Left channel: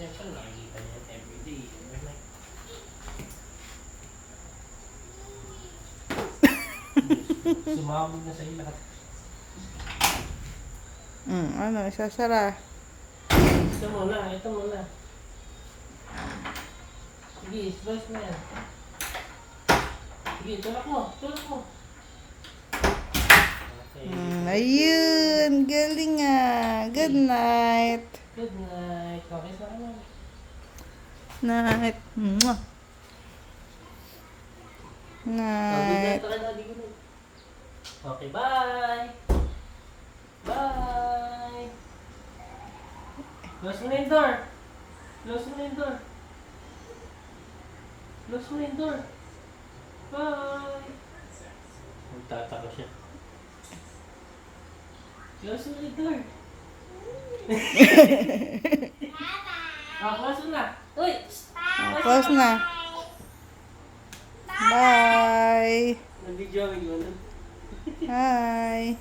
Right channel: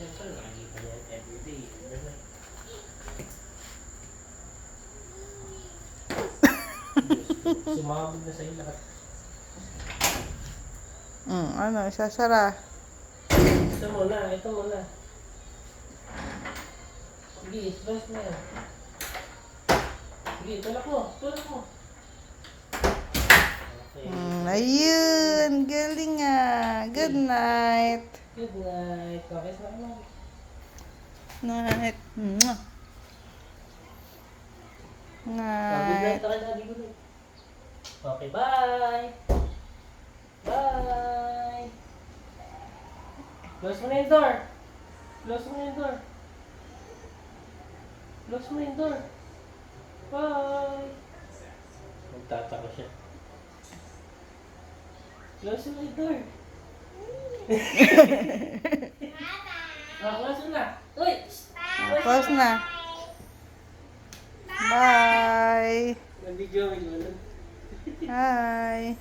Siyempre, nakikita niya yan everyday. Na? Sumabog na sa'yo lahat. Mm, ano, isasara. Ito muna, ito muna. Sige, stress mo yan. Sige, tulak mo, tulak mo. Okay. Mm, ayun, nga. Good night. Good night. Okay, salamat. Night. Mwah. Night. na. Okay, bye. Bye. Close mo na yung door. Close mo na yung door. Close mo na yung door. Bye. Magtataka siya. Close mo na yung door. Ah, close mo na. Uy! Ah, Close na. Bye. Yun. Bye.